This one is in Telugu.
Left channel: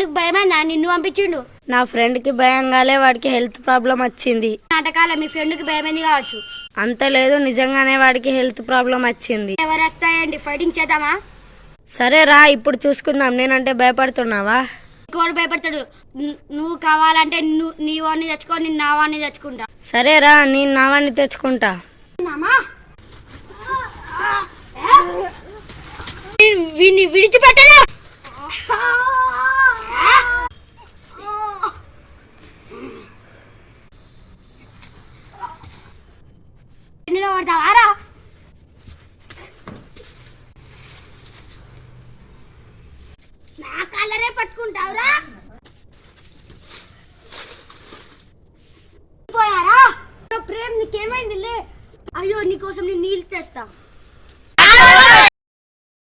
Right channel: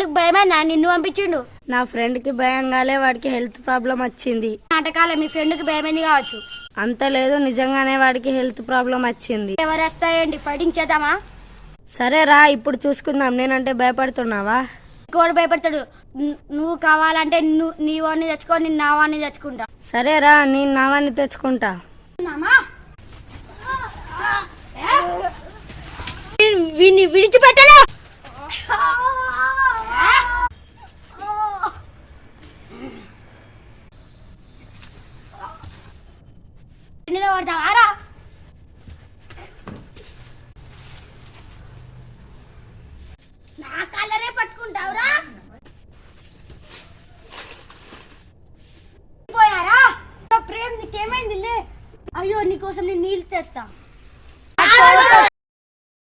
నీకు భయమైందా? నిన్ను పంపించిండు. నా ఫ్రెండ్ కి భయం కాలే, వాడికి హెల్త్ ప్రాబ్లం వచ్చింది. నాటకాలే, మీ ఫ్రెండ్ కి భయమైంది కావచ్చు. అంత లేదు, నిజంగానే వాడికి హెల్త్ ప్రాబ్లం వచ్చింది. ఎవరు వస్తాయండి? ఫైటింగ్ చేద్దామా? సరే రా, ఇప్పుడు చూసుకుందాం. నేనంటే భయపడుతున్నావా? ఇంకోటి భయపడతాడు. నువ్వు కావాలంటే నీ వాడిని తెచ్చుకో, నేను నా వాడిని తెచ్చుకుంటా. సరే రా, నేను నా వాడిని తెచ్చుకుంటా. వీడిని విడిచిపెట్టలే. నా కలరే పట్టుకుంటావురా? పోయారా? ప్రేమ్ నీకేమైంది? అయ్యో, నీకోసం నేను నీళ్ళు తెస్తా.